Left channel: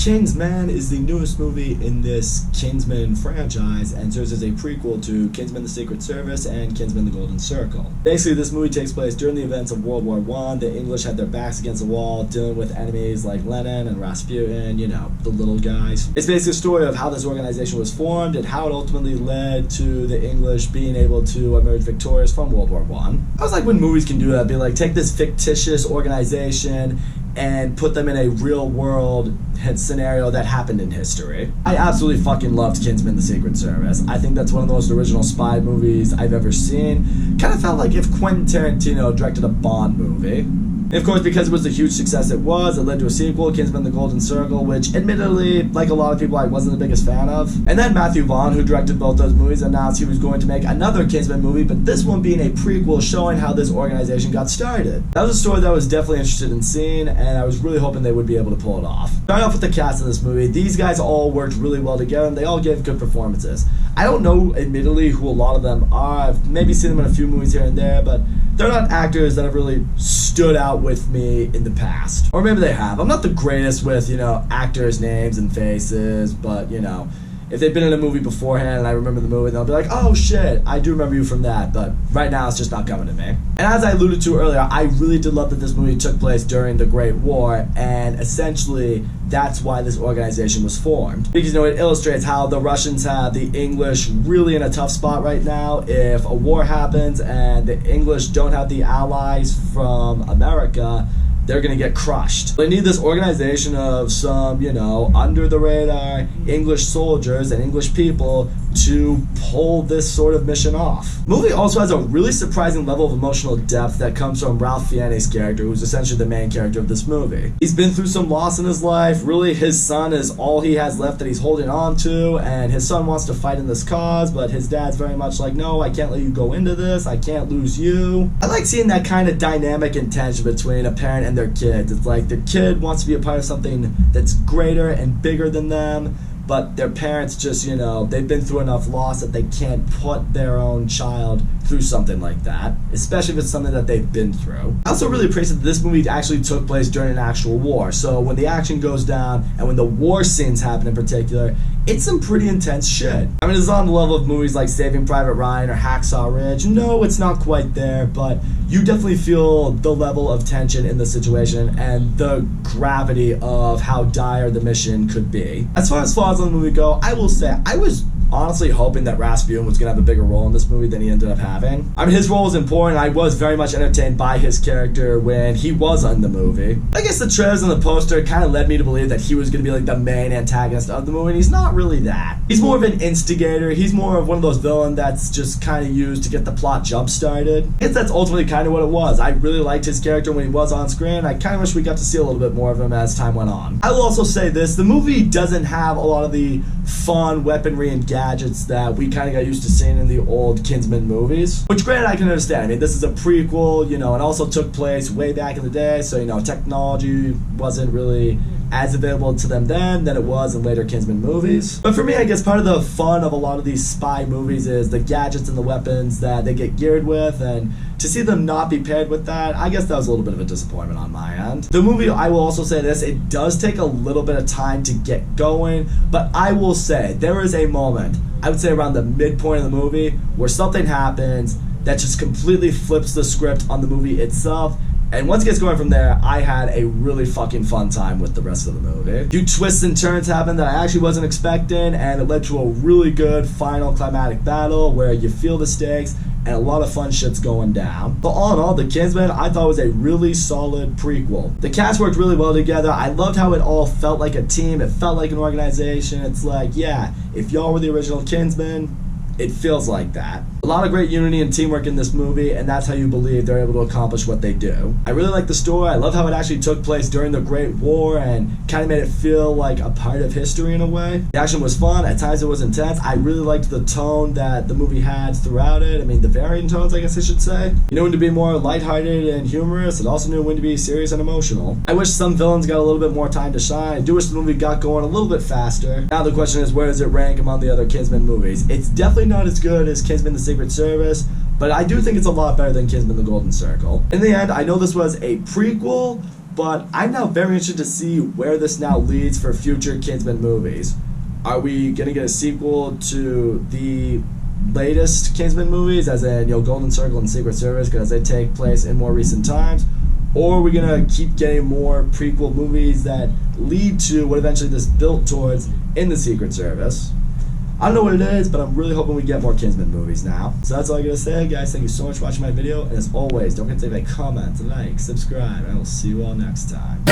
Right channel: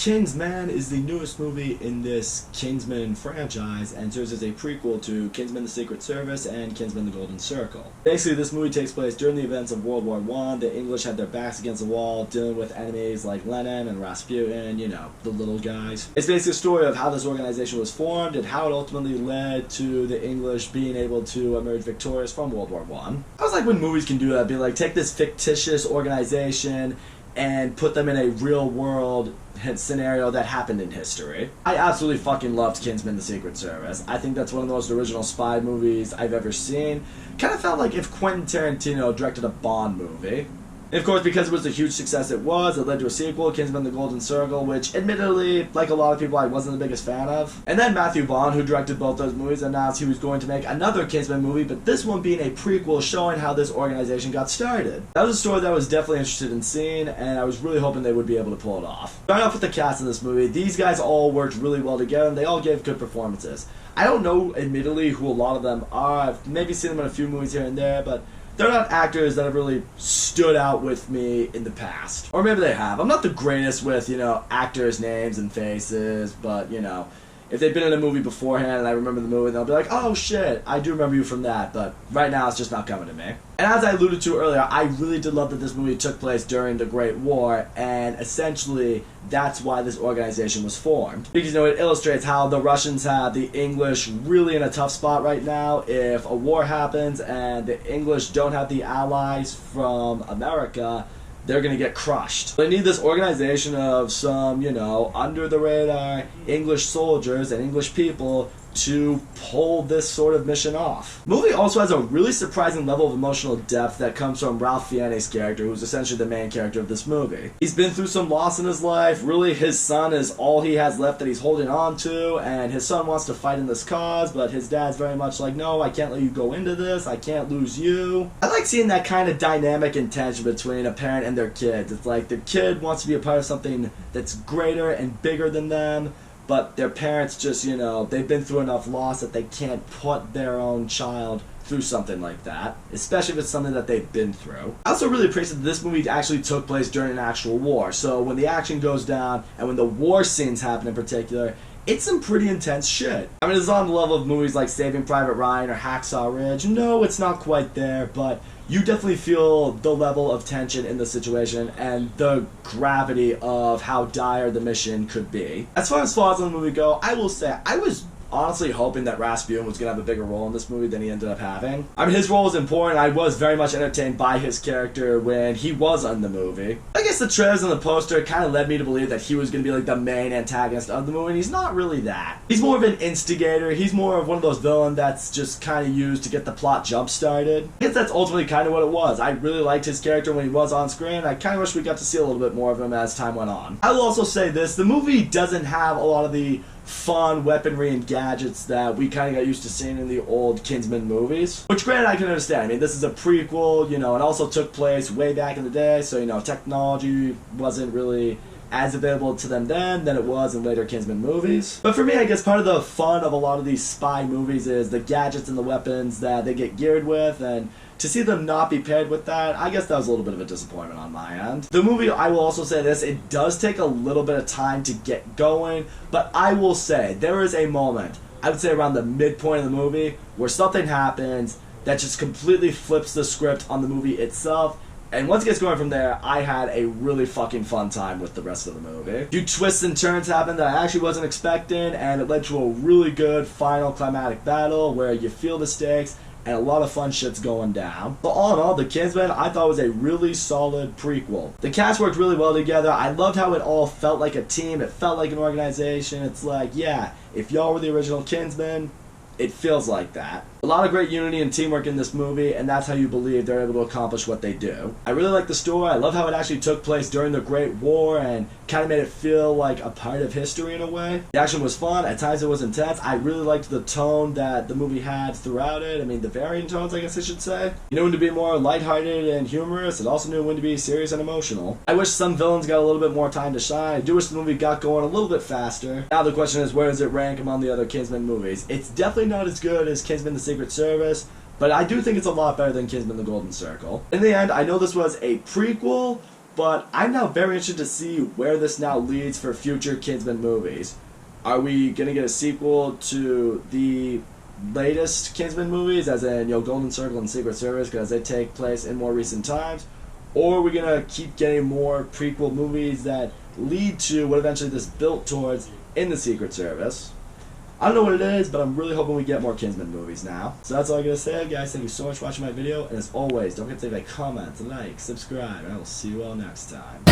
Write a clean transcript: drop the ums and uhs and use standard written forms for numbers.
Kingsman is the newest movie in this Kingsman franchise and serves as a prequel to Kingsman the Secret Service and Kingsman the Golden Circle. Basically, this movie takes place during the events of World War I. The English had their backs against the wall, dealing with enemies like Lenin and Rasputin, you know, the little guys. It's basically a story of how this organization was formed and how it ultimately led to the English being able to emerge victorious from World War I. I was like when movies can do that, be like, take this fictitious organization and put them in a real world scenario that happened in history. I absolutely fucking loved Kingsman the Secret Service. I think that's one of the most original spy movies I've ever seen. Kind of felt like if Quentin Tarantino directed a Bond movie. And of course, because it was the huge success it led to a sequel, Kingsman the Golden Circle, which admittedly, like a lot of people, I wasn't the biggest fan of. And then Matthew Vaughn, who directed both those movies, announced he was going to make another Kingsman movie, but this one being a prequel showing how this organization got started. That was a story that I was definitely interested in seeing, and I was really hoping they would be able to pull it off. Starting off with the cast in this movie, these guys all worked really well together, and they all gave good performances. I don't know, admittedly, who a lot of them are. I've maybe seen them in a few movies here and there, but they're not actors that have really stood out with me in the past. Or maybe they have. I'm not the greatest with, actors' names and faces, but, if they've been in a movie beforehand and I remember the movie, they'll be like, oh shit, I do remember you from that, but right now it's just not coming to me. And as I alluded to earlier, I really did love that this movie took place during the Great War, and essentially that's why this organization was formed. Because, it illustrates how the Russians have the English really in a tough spot right now. If a war happens and the English don't have the allies from America, they're going to get crushed. They need this organization of some, under the radar English soldiers and English people to pull this sort of mission off. The movie also has a really surprising level of emotional depth that comes from Ralph Fiennes's character, who's essentially the main character of this movie. He's been through some loss in his life. Really, his son is all he has left that he's holding on to, and his son wants to fight in this cause, but his dad's very much like, no, I can't let you go into this. I can't lose you. I like seeing that kind of dynamic and tension between a parent and their kids. It's like the kid wants to be a part of something that's greater and bigger than them, but their parents just, they've been through enough loss that they can't put their own child through something like that, especially if it's something that they've been through. I also really appreciate that this movie actually took place during an actual war. So when the action goes down and when the war scenes happen in particular, it's some pretty intense shit. I mean, it's on the level of movies like Saving Private Ryan or Hacksaw Ridge. No, it's not quite there, but you definitely feel the level of tension in the situation and the gravity of how dire the mission could be. As far as flaws in the movie go, I will say I was honestly hoping that Rasputin was going to have a bigger role in this movie than he ended up having. I mean, his role was important. I was very much entertained by his character when he was in the movie. I guess the trailers and the poster kind of led me to believe that he was going to be like the main antagonist of the movie, and he's not really that. He's more of an instigator. He's more of one of those villains that's just kind of used to get the plot jump-started. I guess that's ultimately kind of what it was. I really liked his character when he was on screen. I kind of wish we got to see a little bit more of him as time went on. I will also say this, the movie doesn't have a lot of the fun weaponry and gadgets that we kind of got used to seeing in the old Kingsman movies. Which, granted, I can understand. I mean, this is a prequel, it also took place way back in the day, so, technology wasn't really as available to them then than it was in later Kingsman movies. But for me, I guess part of the fun of a lot of these spy movies is the gadgets and the weapons that they get geared with, and to see them not be paired with that, I guess that was a little bit of a disappointment on my end. The movie, I will also say this, it does take a little bit of time to get going, but I will say, there is a moment, I would say around the midpoint of the movie, where something happens that just completely flips the script on the movie itself. And once it gets going from there, I had a really fucking fun time with the rest of the movie. A few twists and turns happened that I actually wasn't expecting, and it led to a really good final climatic battle where you feel the stakes and a lot of fun shit's going down. But all in all, The Kingsman, I thought was a really solid prequel. The cast worked really well together. I loved how it all felt like a team. It felt like an organization. It's like, yeah, if y'all were the original Kingsman, it feels like that. A lot of great unity and teamwork in this movie, and that's how you believe they're able to accomplish what they do. I really like the story. I love how it actually took place during the Great War and kind of made it feel like a part of history in a way. The action was fun. At times it was intense. I really liked the tone that the movie had throughout it. I mean, the varying tones, I guess I should say. You knew when to be more lighthearted and humorous. It also knew when to be serious and emotional. I wish some villains got a little bit more time to shine. I do wish the movie got going a little bit faster. Now the question is, where does it rank among the other Kingsman movies? It's definitely not as good as Kingsman the Secret Service, but I do think it's a lot better than Kingsman the Golden Circle. In the end, I know this was a prequel, but I'm now very interested to see where this now leads for future Kingsman movies. Are we going to get a sequel to the latest Kingsman movies, as in, Golden Circle and Secret Service, because they take place in more recent times? Or are we going to keep getting more prequel movies that lead to what eventually this built towards in the Secret Service? I don't know what it is, but I'm really hoping we get more Kingsman movies now. So that's all I gotta say, guys. Thank you so much for watching my video, and as always, don't forget to leave a comment, like, subscribe, and I will see you all next time.